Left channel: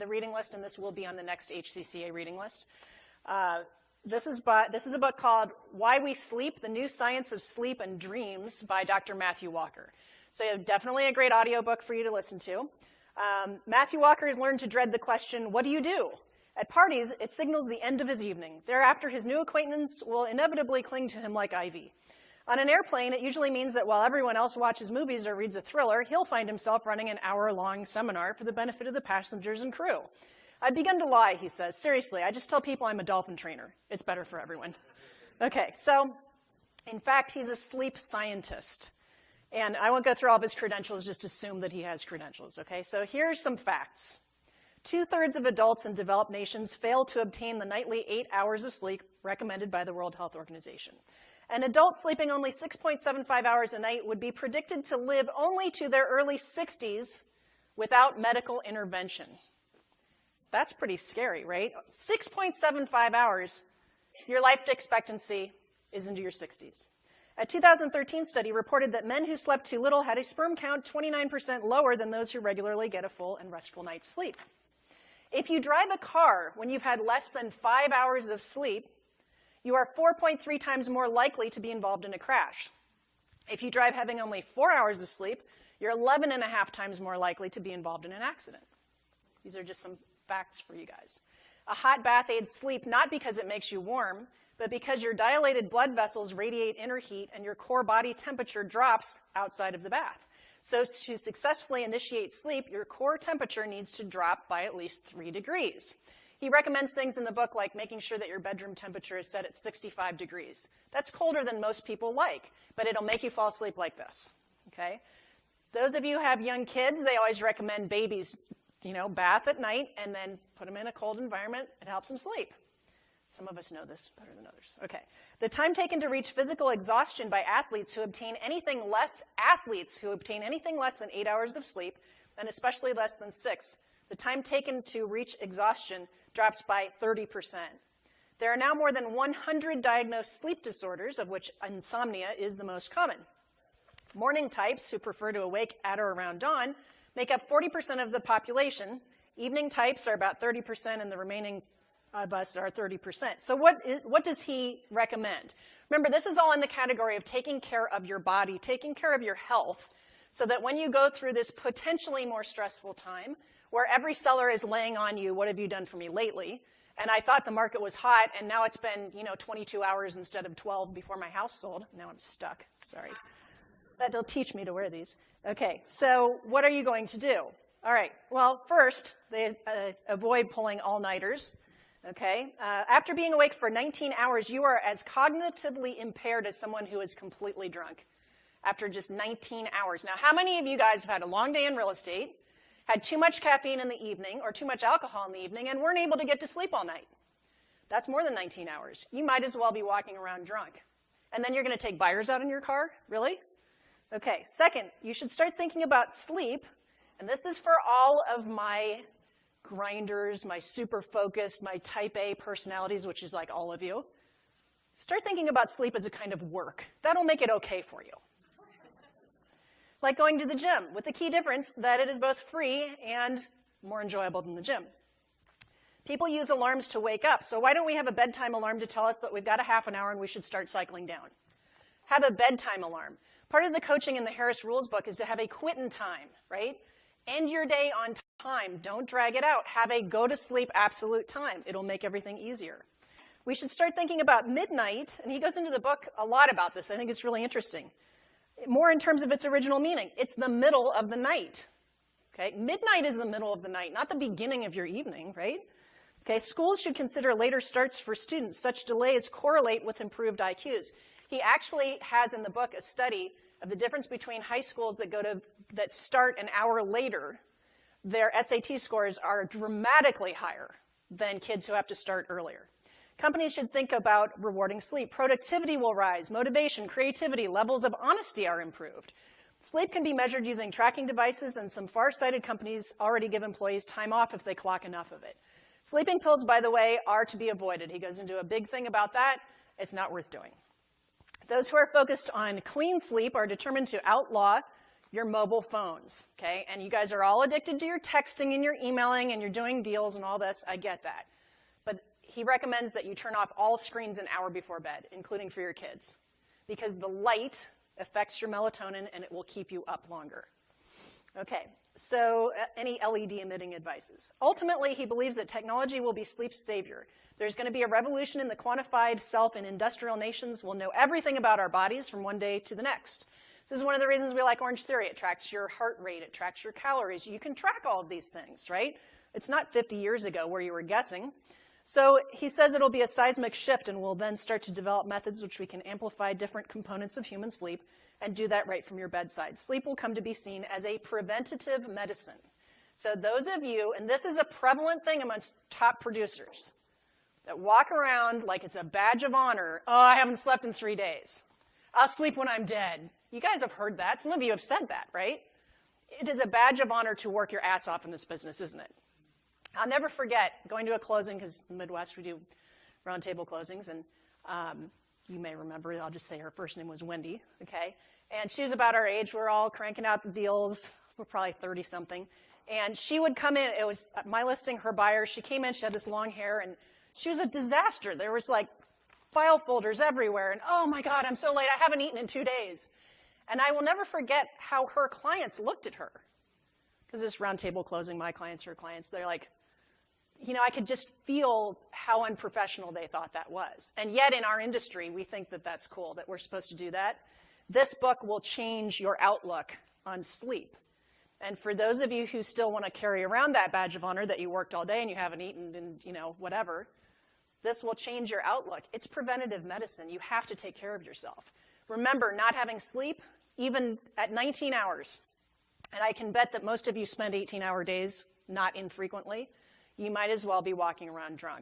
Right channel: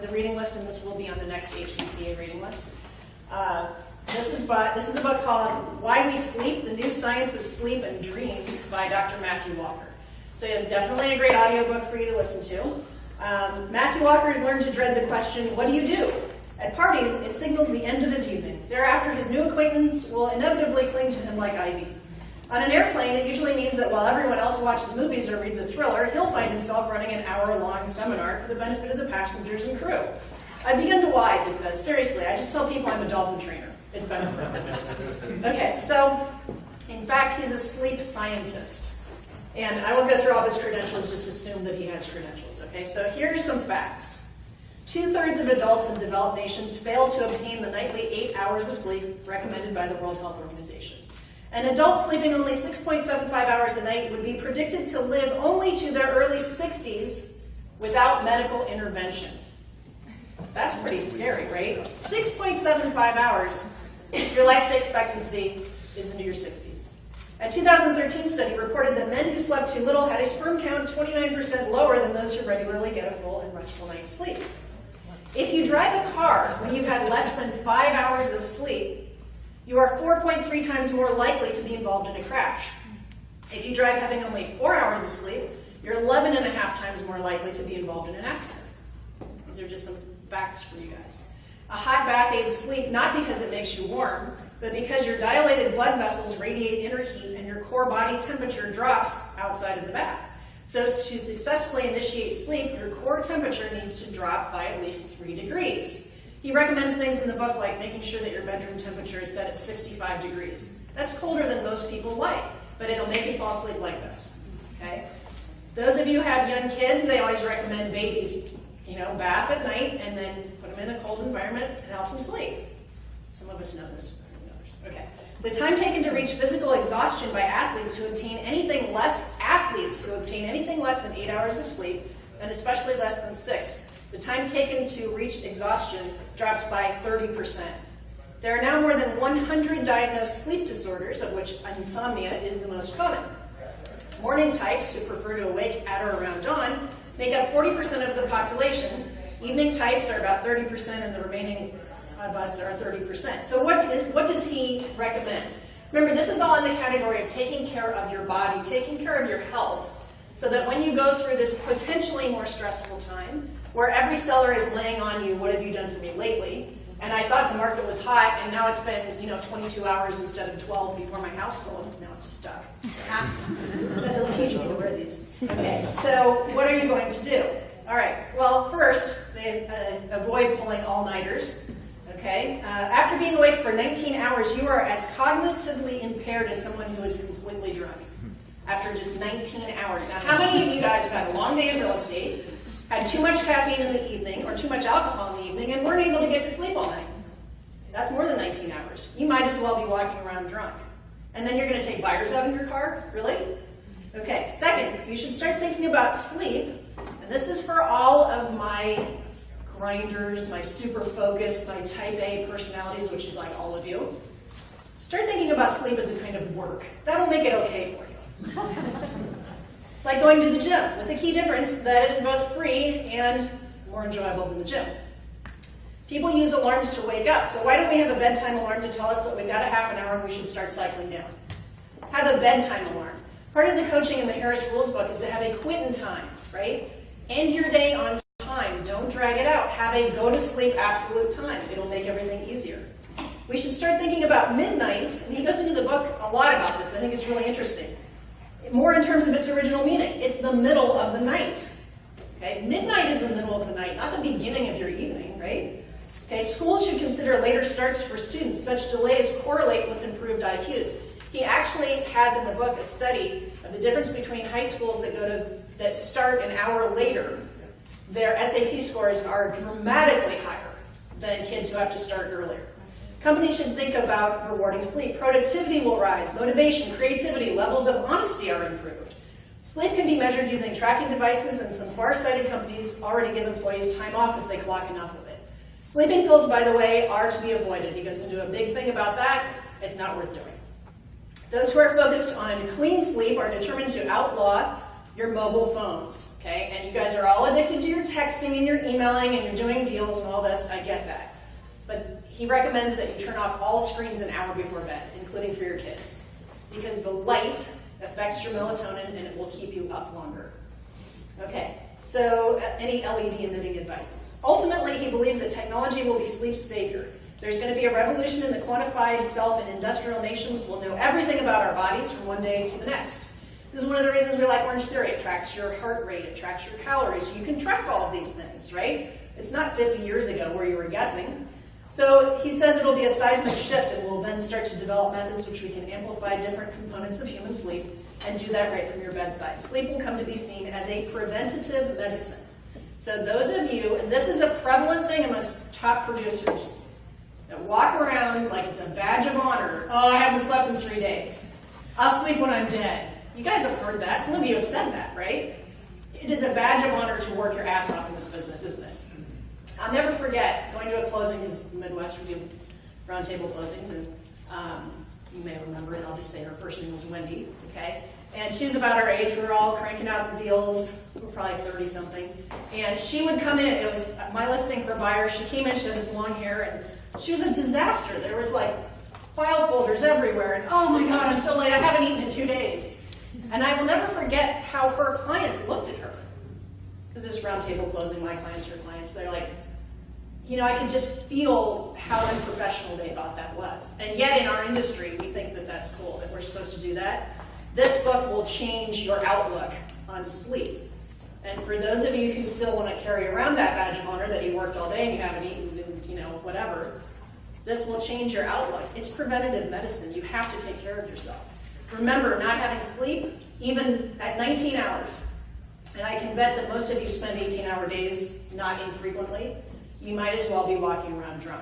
the reading list, and this will be on the next HCCA reading list. This is a book called Why We Sleep, The New Science of Sleep and Dreams by Dr. Matthew Walker. So definitely a great audiobook for you to listen to. Matthew Walker has learned to dread the question, what do you do? At parties, it signals the end of his evening. Thereafter, his new acquaintance will inevitably cling to him like ivy. On an airplane, it usually means that while everyone else watches movies or reads a thriller, he'll find himself running an hour-long seminar for the benefit of the passengers and crew. I begin to lie, he says. Seriously, I just tell people I'm a dolphin trainer. It's better for everyone. Okay, so, in fact, he's a sleep scientist. And I won't go through all his credentials, just assume that he has credentials, okay? So here's some facts. 2/3 of adults in developed nations fail to obtain the nightly 8 hours of sleep recommended by the World Health Organization. An adult sleeping only 6.75 hours a night would be predicted to live only to their early 60s without medical intervention. That's pretty scary, right? 6.75 hours, your life expectancy is into your 60s. A 2013 study reported that men who slept too little had a sperm count 29% lower than those who regularly get a full and restful night's sleep. If you drive a car when you've had less than 5 hours of sleep, you are 4.3 times more likely to be involved in a crash. If you drive having only 4 hours of sleep, you're 11.5 times more likely to be involved in an accident. These are just some facts for you guys. A hot bath aids sleep not because it makes you warm, but because your dilated blood vessels radiate inner heat and your core body temperature drops outside of the bath. So to successfully initiate sleep, your core temperature needs to drop by at least 3 degrees. He recommends things in the book like making sure that your bedroom temperature is set at 65 degrees. That's colder than most people like, but it'll make you fall asleep like this, okay? Those of you who have young kids, they always recommend babies, bath at night and then put them in a cold environment. It helps them sleep. Some of us know this better than others. Okay. The time taken to reach physical exhaustion by athletes who obtain anything less than 8 hours of sleep, and especially less than 6, the time taken to reach exhaustion drops by 30%. There are now more than 100 diagnosed sleep disorders, of which insomnia is the most common. Morning types, who prefer to awake at or around dawn, make up 40% of the population. Evening types are about 30%, and the remaining of us are 30%. So what does he recommend? Remember, this is all in the category of taking care of your body, taking care of your health, so that when you go through this potentially more stressful time, where every seller is laying on you, what have you done for me lately? And I thought the market was hot, and now it's been 22 hours instead of 12 before my house sold. Now I'm stuck. That don't teach me to wear these. Okay, so what are you going to do? All right, well, first, avoid pulling all-nighters. Okay, after being awake for 19 hours, you are as cognitively impaired as someone who is completely drunk. After just 19 hours. Now, how many of you guys have had a long day in real estate, had too much caffeine in the evening, or too much alcohol in the evening, and weren't able to get to sleep all night? That's more than 19 hours. You might as well be walking around drunk. And then you're going to take buyers out in your car? Really? Okay, second, you should start thinking about sleep, and this is for all of my grinders, my super focused, my type A personalities, which is like all of you. Start thinking about sleep as a kind of work. That'll make it okay for you. Like going to the gym, with the key difference that it is both free and more enjoyable than the gym. People use alarms to wake up, so why don't we have a bedtime alarm to tell us that we've got a half an hour and we should start cycling down? Have a bedtime alarm. Part of the coaching in the Harris Rules book is to have a quit in time, right? End your day on time. Don't drag it out. Have a go to sleep absolute time. It'll make everything easier. We should start thinking about midnight, and he goes into the book a lot about this. I think it's really interesting. More in terms of its original meaning. It's the middle of the night. Okay? Midnight is the middle of the night, not the beginning of your evening, right? Okay, schools should consider later starts for students. Such delays correlate with improved IQs. He actually has in the book a study of the difference between high schools that start an hour later. Their SAT scores are dramatically higher than kids who have to start earlier. Companies should think about rewarding sleep. Productivity will rise, motivation, creativity, levels of honesty are improved. Sleep can be measured using tracking devices, and some far-sighted companies already give employees time off if they clock enough of it. Sleeping pills, by the way, are to be avoided. He goes into a big thing about that. It's not worth doing. Those who are focused on clean sleep are determined to outlaw your mobile phones, okay? And you guys are all addicted to your texting and your emailing and you're doing deals and all this, I get that. But he recommends that you turn off all screens an hour before bed, including for your kids, because the light affects your melatonin and it will keep you up longer. Okay, so any LED emitting devices. Ultimately, he believes that technology will be sleep's savior. There's going to be a revolution in the quantified self, and industrial nations will know everything about our bodies from one day to the next. This is one of the reasons we like Orange Theory. It tracks your heart rate, it tracks your calories. You can track all of these things, right? It's not 50 years ago where you were guessing. So he says it'll be a seismic shift, and we'll then start to develop methods which we can amplify different components of human sleep and do that right from your bedside. Sleep will come to be seen as a preventative medicine. So those of you, and this is a prevalent thing amongst top producers, that walk around like it's a badge of honor. Oh, I haven't slept in 3 days. I'll sleep when I'm dead. You guys have heard that. Some of you have said that, right? It is a badge of honor to work your ass off in this business, isn't it? I'll never forget going to a closing, because Midwest we do roundtable closings, and you may remember, and I'll just say her first name was Wendy, okay? And she was about our age. We were all cranking out the deals. We were probably 30-something. And she would come in. It was my listing, her buyer. She came in. She had this long hair, and she was a disaster. There was like file folders everywhere. And oh my God, I'm so late. I haven't eaten in 2 days. And I will never forget how her clients looked at her. Because this roundtable closing, my clients, her clients, they're like, you know, I could just feel how unprofessional they thought that was. And yet in our industry, we think that that's cool, that we're supposed to do that. This book will change your outlook on sleep. And for those of you who still want to carry around that badge of honor that you worked all day and you haven't eaten and, you know, whatever, this will change your outlook. It's preventative medicine. You have to take care of yourself. Remember, not having sleep, even at 19 hours, and I can bet that most of you spend 18-hour days not infrequently, you might as well be walking around drunk.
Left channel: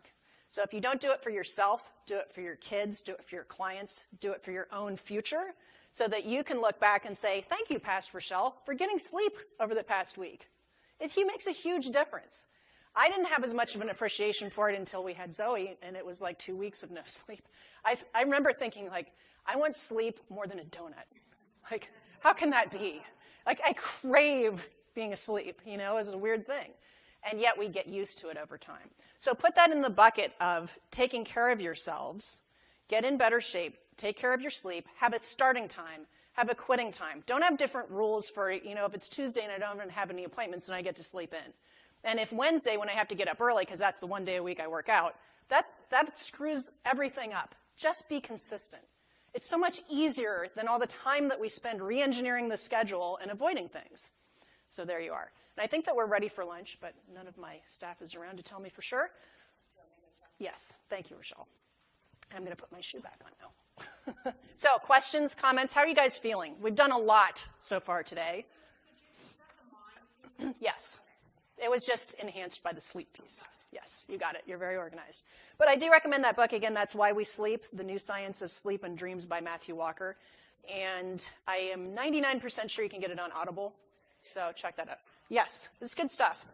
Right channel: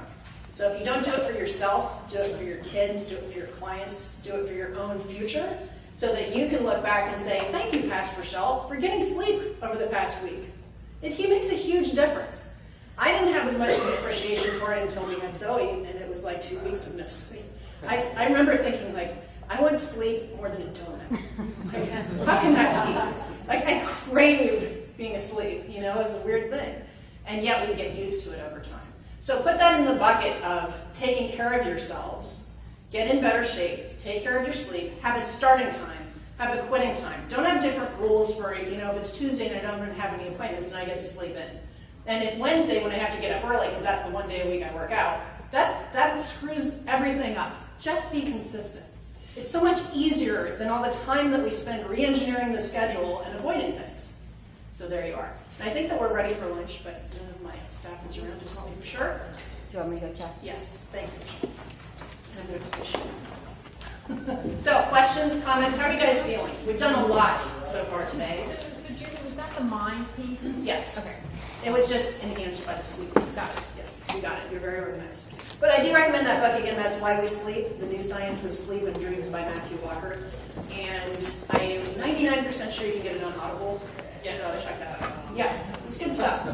So if you don't do it for yourself, do it for your kids, do it for your clients, do it for your own future, so that you can look back and say, thank you, Pastor Rochelle, for getting sleep over the past week. It makes a huge difference. I didn't have as much of an appreciation for it until we had Zoe, and it was like 2 weeks of no sleep. I remember thinking, like, I want sleep more than a donut. Like, how can that be? Like, I crave being asleep, you know, it's a weird thing. And yet we get used to it over time. So put that in the bucket of taking care of yourselves, get in better shape, take care of your sleep, have a starting time, have a quitting time. Don't have different rules for, you know, if it's Tuesday and I don't have any appointments and I get to sleep in. And if Wednesday when I have to get up early, because that's the one day a week I work out, that screws everything up. Just be consistent. It's so much easier than all the time that we spend re-engineering the schedule and avoiding things. So there you are. And I think that we're ready for lunch, but none of my staff is around to tell me for sure. Do you want me to go check? Yes, thank you. And there's so, questions, comments? How are you guys feeling? We've done a lot so far today. So Judy, was that the mind piece? Yes. Okay. It was just enhanced by the sleep piece. Got it. Yes, you got it. You're very organized. But I do recommend that book again. That's Why We Sleep: The New Science of Sleep and Dreams by Matthew Walker. And I am 99% sure you can get it on Audible. Yeah, so check that out. Yes, it's good stuff.